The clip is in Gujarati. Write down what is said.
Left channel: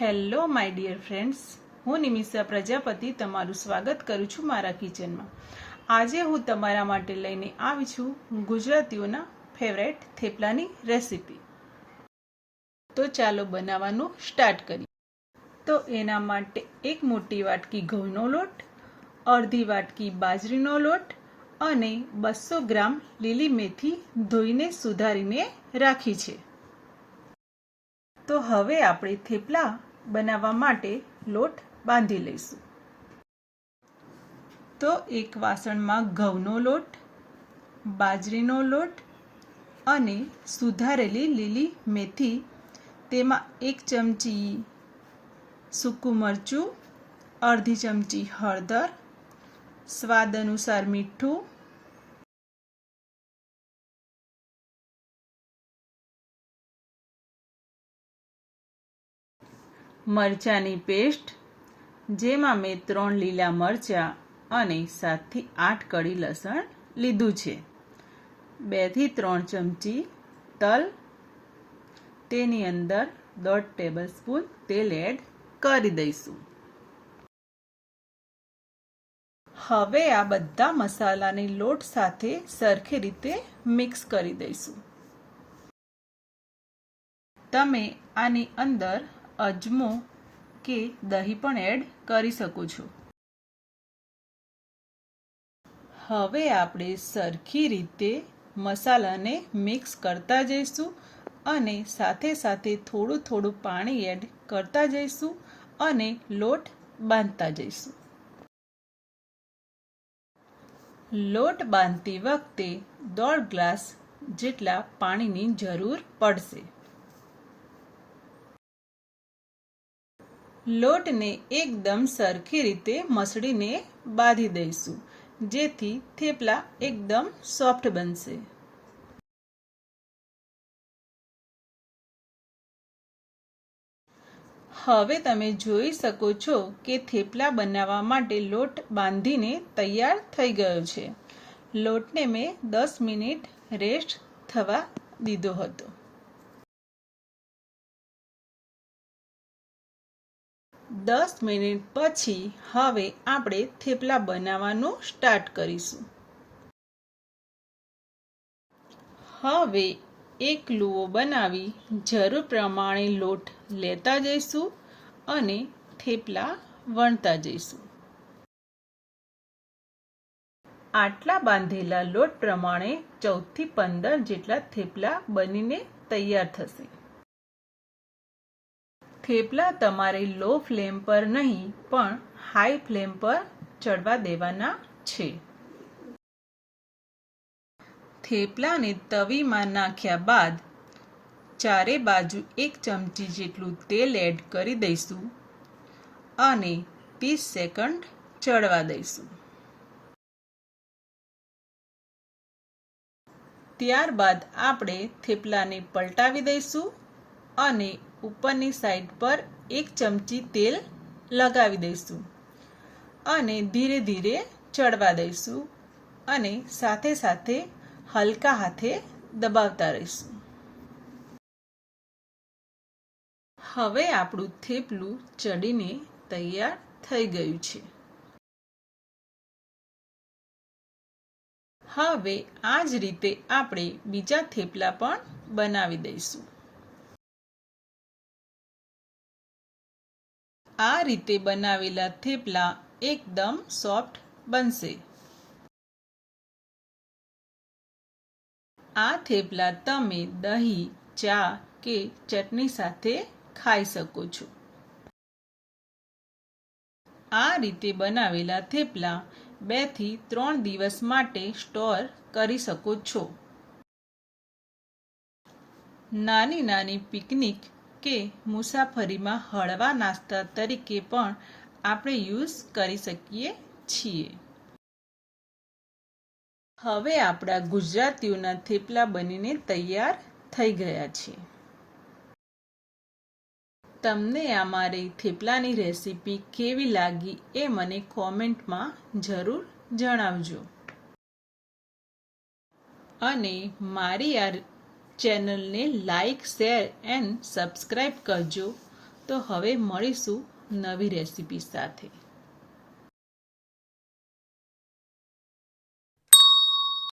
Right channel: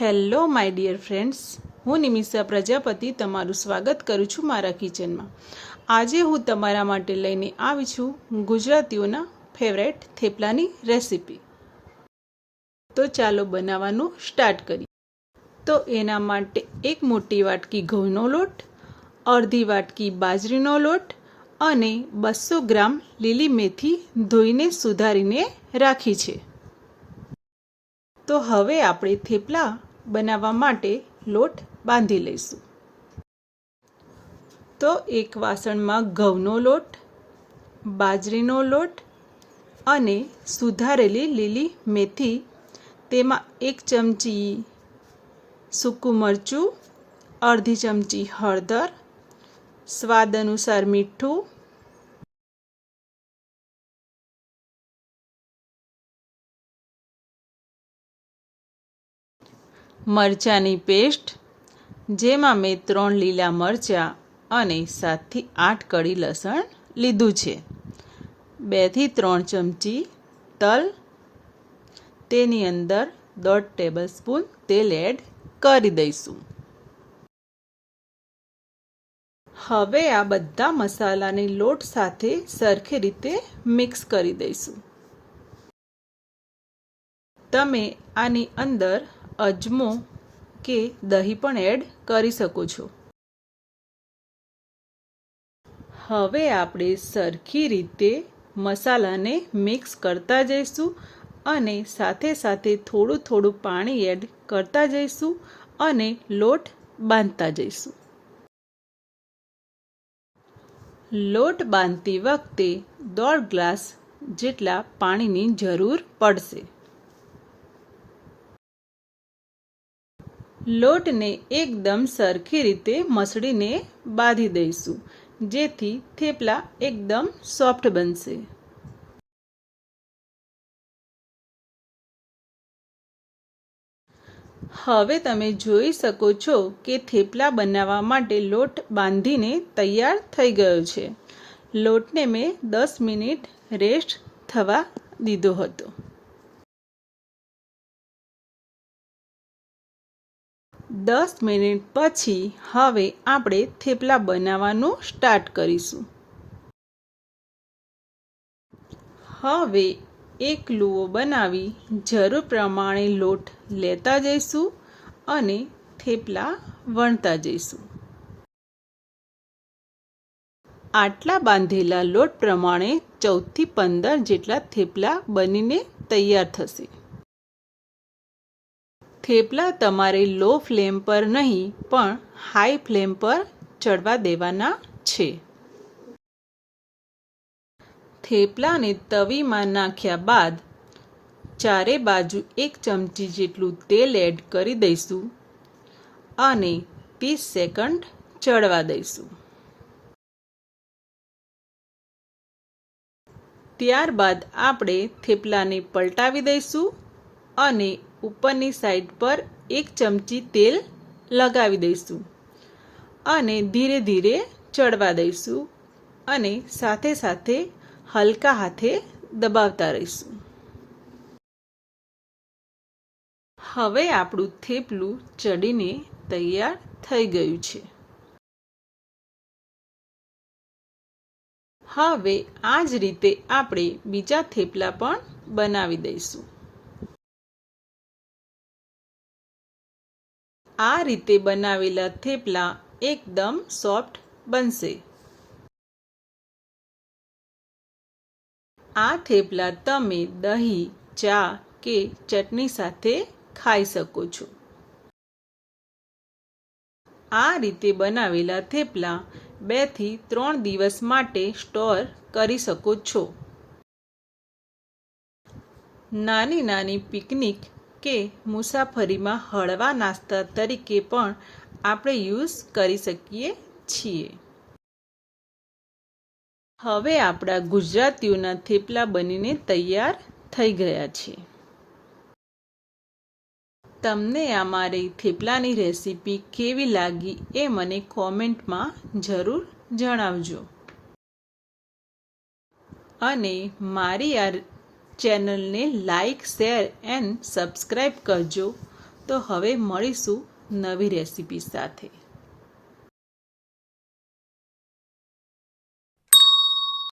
Hello, my dear friends. હું નિમિષા પ્રજાપતિ તમારું સ્વાગત કરું છું મારા કિચનમાં. આજે હું તમારા માટે લઈને આવી છું ગુજરાતીઓના ફેવરેટ થેપલાની રેસીપી તો ચાલો બનાવવાનું સ્ટાર્ટ કરીએ. તો એના માટે એક મોટી વાટકી ઘઉંનો લોટ, અડધી વાટકી બાજરીનો લોટ અને બસો ગ્રામ લીલી મેથી ધોઈને સુધારીને રાખી છે. તો હવે આપણે થેપલા બનાવવા માટે લોટ બાંધી લઈશું. તો એક વાસણમાં ઘઉંનો લોટ, બાજરીનો લોટ અને સુધારેલી લીલી મેથી, તેમાં એક ચમચી સૂકું મરચું, અડધી ચમચી હળદર, સ્વાદ અનુસાર મીઠું મરચાંની પેસ્ટ, જેમાં મેં ત્રણ લીલા મરચાં અને સાતથી આઠ કળી લસણ લીધું છે. બેથી ત્રણ ચમચી તલ, તેની અંદર દોઢ ટેબલ સ્પૂન તેલ એડ કરી દઈશું. હવે આ બધા મસાલાની લોટ સાથે સરખી રીતે મિક્સ કરી દઈશું. તમે આની અંદર અજમો કે દહીં પણ એડ કરી શકો છો. હવે આપણે સરખી રીતે મસાલાને મિક્સ કરતા જઈશું અને સાથે સાથે થોડું થોડું પાણી એડ કરતા જઈશું અને લોટ બાંધતા જઈશું. લોટ બાંધતી વખતે દોઢ ગ્લાસ જેટલા પાણીની જરૂર પડશે. લોટને એકદમ સરખી રીતે મસળીને બાંધી દઈશું, જેથી થેપલા એકદમ સોફ્ટ બનશે. હવે તમે જોઈ શકો છો કે થેપલા બનાવવા માટે લોટ બાંધીને તૈયાર થઈ ગયો છે. લોટને મેં દસ મિનિટ રેસ્ટ થવા દીધો હતો. દસ મિનિટ પછી હવે આપણે થેપલા બનાવવાનું સ્ટાર્ટ કરીશું. હવે એક લુઓ બનાવી જરૂર પ્રમાણે લોટ લેતા જઈશું અને થેપલા વણતા જઈશું. આટલા બાંધેલા લોટ પ્રમાણે ચૌદથી પંદર જેટલા થેપલા બનીને તૈયાર થશે. થેપલા તમારે લો ફ્લેમ પર નહીં, પણ હાઈ ફ્લેમ પર ચડવા દેવાના છે. થેપલાને તવીમાં નાખ્યા બાદ ચારે બાજુ એક ચમચી જેટલું તેલ એડ કરી દઈશું અને ત્રીસ સેકન્ડ ચડવા દઈશું. ત્યારબાદ આપણે થેપલાને પલટાવી દઈશું અને ઉપરની સાઈડ પર એક ચમચી તેલ લગાવી દઈશું અને ધીરે ધીરે ચડવા દઈશું અને સાથે સાથે હલકા હાથે દબાવતા રહીશું. હવે આપણું થેપલું ચડીને તૈયાર થઈ ગયું છે. હવે આ જ રીતે આપણે બીજા થેપલા પણ બનાવી દઈશું. આ રીતે બનાવેલા થેપલા એકદમ સોફ્ટ બનશે. આ થેપલા તમે દહીં, ચા કે ચટણી સાથે ખાઈ શકો છો. આ રીતે બનાવેલા થેપલા બેથી ત્રણ દિવસ માટે સ્ટોર કરી શકો છો. નાની નાની પિકનિક કે મુસાફરીમાં હળવા નાસ્તા તરીકે પણ આપણે યુઝ કરી શકીએ છીએ. હવે આપણા ગુજરાતીઓના થેપલા બનીને તૈયાર થઈ ગયા છે. તમને આ મારી થેપલાની રેસીપી કેવી લાગી એ મને કોમેન્ટમાં જરૂર જણાવજો. અને મારી આ ચેનલને લાઈક શેર એન્ડ સબસ્ક્રાઈબ કરજો. તો હવે મળીશું નવી રેસીપી સાથે.